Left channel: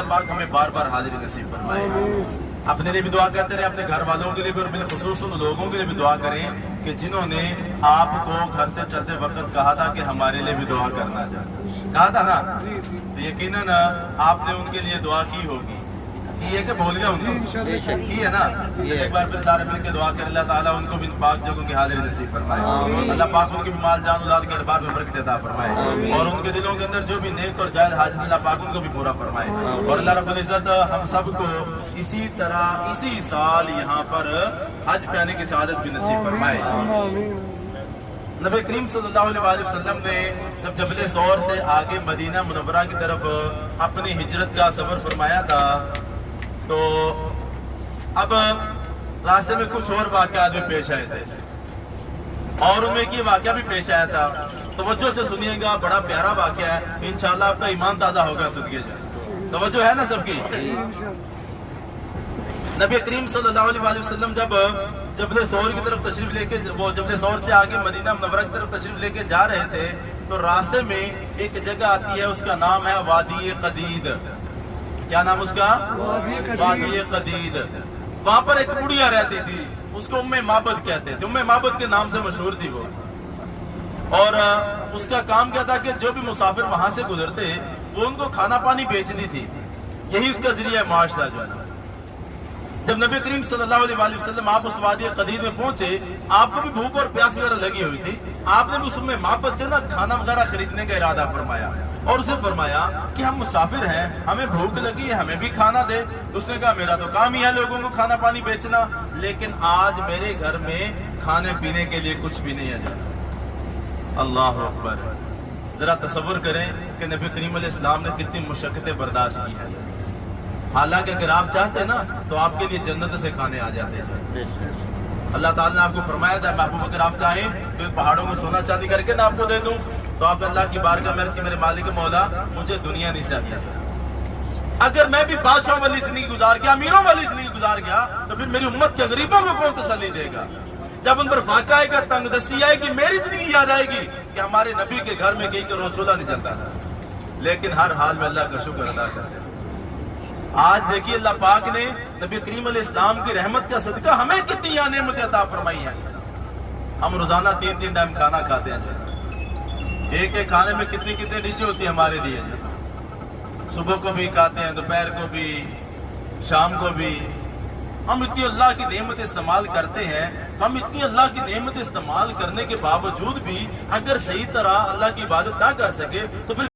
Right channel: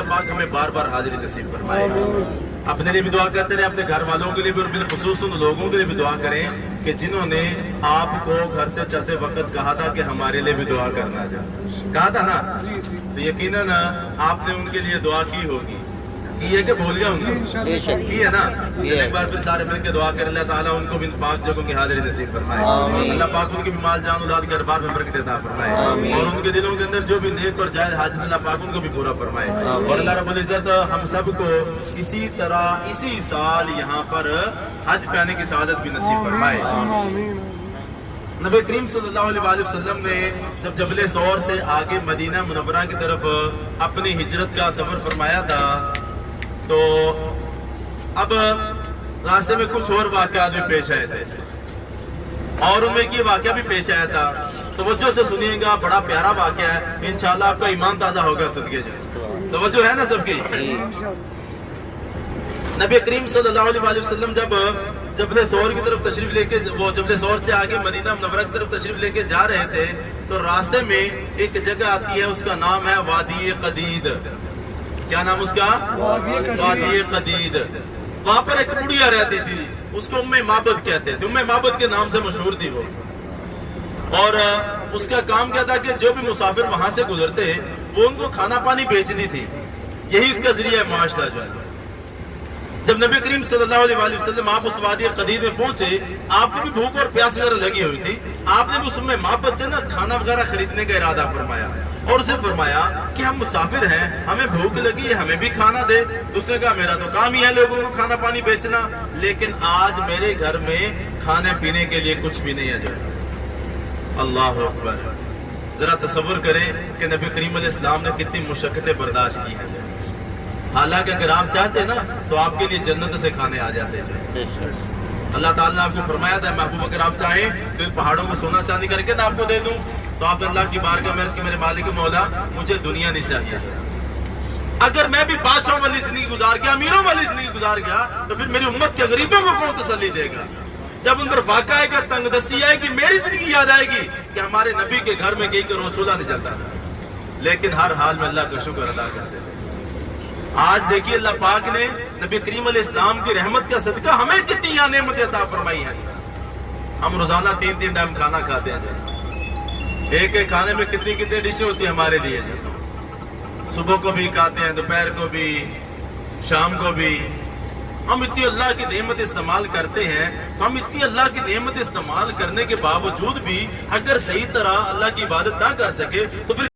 अल्लाह पाक हमें बार बार हाजिरी नसीब फरमाए। अपने लिए भी दुआ करते रहे, अपने घर वालों के लिए भी, और बिलखुसूस उन लोगों के लिए भी दुआ करें कि जिन्होंने आपको घर से चलते वक्त कहा था कि हमारे लिए भी दुआ करना चाहिए, कहा था ना, तो यकीनन आपने उनके लिए दुआ की होगी, की है कि भूल गया उनको, की है ना। एक बार फिर सारे मिलकर दुआ करें, अल्लाह ताला उनको भी पाक जगहों की हाजिरी नसीब फरमाए, अल्लाह पाक उनकी भी माल जान औलाद के अरबाब में बरकत अता फरमाए, और उनके दिलों के अंदर जो भी नेक और जायज हाजत अल्लाह पाक उनको भी पूरा फरमाए। और अल्लाह रब्बुल इज्जत हम सबको इसी तरह इसी साल यहाँ पर हज करने की सआदत भी नसीब फरमाए। नबी करीम सल्लल्लाहु अलैहि वसल्लम ने जब जबल सौर से आगे मदीना मुनव्वरा की तरफ अपनी हिजरत का सफर फरमाया था, तो अब रास्ते में कुछ और वाक़यात भी पेश आए थे, और उनमें की वाक़या भी पेश आया था। तवज्जो से सुनिएगा, बड़ा प्यारा वाक़या है, इंशाअल्लाह आपका ईमान ताज़ा होगा। सदके जाए, तवज्जो है ना सबकी। नबी करीम सल्लल्लाहु अलैहि वसल्लम जब जबल सौर की तरफ तशरीफ लेके, वो जबल सौर से आगे मदीना मुनव्वरा की तरफ तशरीफ लेके जा रहे थे, तो रास्ते में एक जगह आती है, उसका नाम है वादी कदीद। क्या नाम उसका? वादी कदीद। वहां पर एक बुढ़िया रहती थी, उसको उम्मे माबद कहते थे, उम्मे माबद के नाम से मशहूर थी वो। और उसका काम क्या था कि जो भी मुसाफिर वहां से गुजरते वो उनको खाना पानी बेचनी थी, यही उसका जरिया माश था जो है। जब नबी करीम सल्लल्लाहु अलैहि वसल्लम आप उस वादी कदीद में पहुंचे, आपको भी भूख और प्यास वगैरह लगी हुई थी, आपने भी उसमें माबद से ना खाना वगैरह खरीदने का इरादा फरमाया, और उसे फरमाया कि हम मुसाफिर हैं, हमें भूख लगी है, हमें भी खाना दे। उसने कहा मेरा तो काम ही है लोगों को खाना पानी बेचना, लेकिन आज मेरे घर में खाने पीने के लिए कुछ भी नहीं है जो है। अल्लाह अकबर। जरा तसव्वुर करें कि नबी करीम अलैहिस्सलाम ने कितनी मुशक्कतें बर्दाश्त की है। हालांकि अगर आप चाहते ना तो आपके लिए जन्नत से खाने आ जाते थे। अल्लाह ताला ने आपको फरमाया था, महबूब अगर आप चाहें तो पहाड़ों को सोना चांदी करके ना आपको दे दूं, तो आप अल्लाह की बारगाह में मेरे मालिक मौला मुझे दुनिया नहीं चाहिए। अगर मैं भी बादशाह वाली जिंदगी गुजार गया, अमीरों वाली जिंदगी गुजार गया, तो फिर मेरी उम्मत के गरीबों को कौन तसल्ली देगा? जब उन पर फाका आएगा, तंगदस्ती आएगी, मेरी जिंदगी याद आएगी कि हमारे नबी के घर में कहीं का रोज चूल्हा नहीं जलता था। लेकिन हर हाल में अल्लाह का शुक्र अदा करते। आज देखिए अल्लाह पाक ने नबी करीम अलैहिस्सलाम की रहमत का सदका हमें कितनी नेमतें अता फरमाई है। हम रोजाना 3-3 टाइम खाना खाते हैं, एक एक खाने में कितनी कितनी डिशें होती है हमारे लिए। सुबह को भी खाते हैं, दोपहर को भी, शाम को भी। हम इतनी अल्लाह की नेमत इस्तेमाल करते हैं, तो हम इतनी अल्लाह की नेमत इस्तेमाल करने के बावजूद भी अगर सही तरह अल्लाह की इबादत ना कर सके तो फिर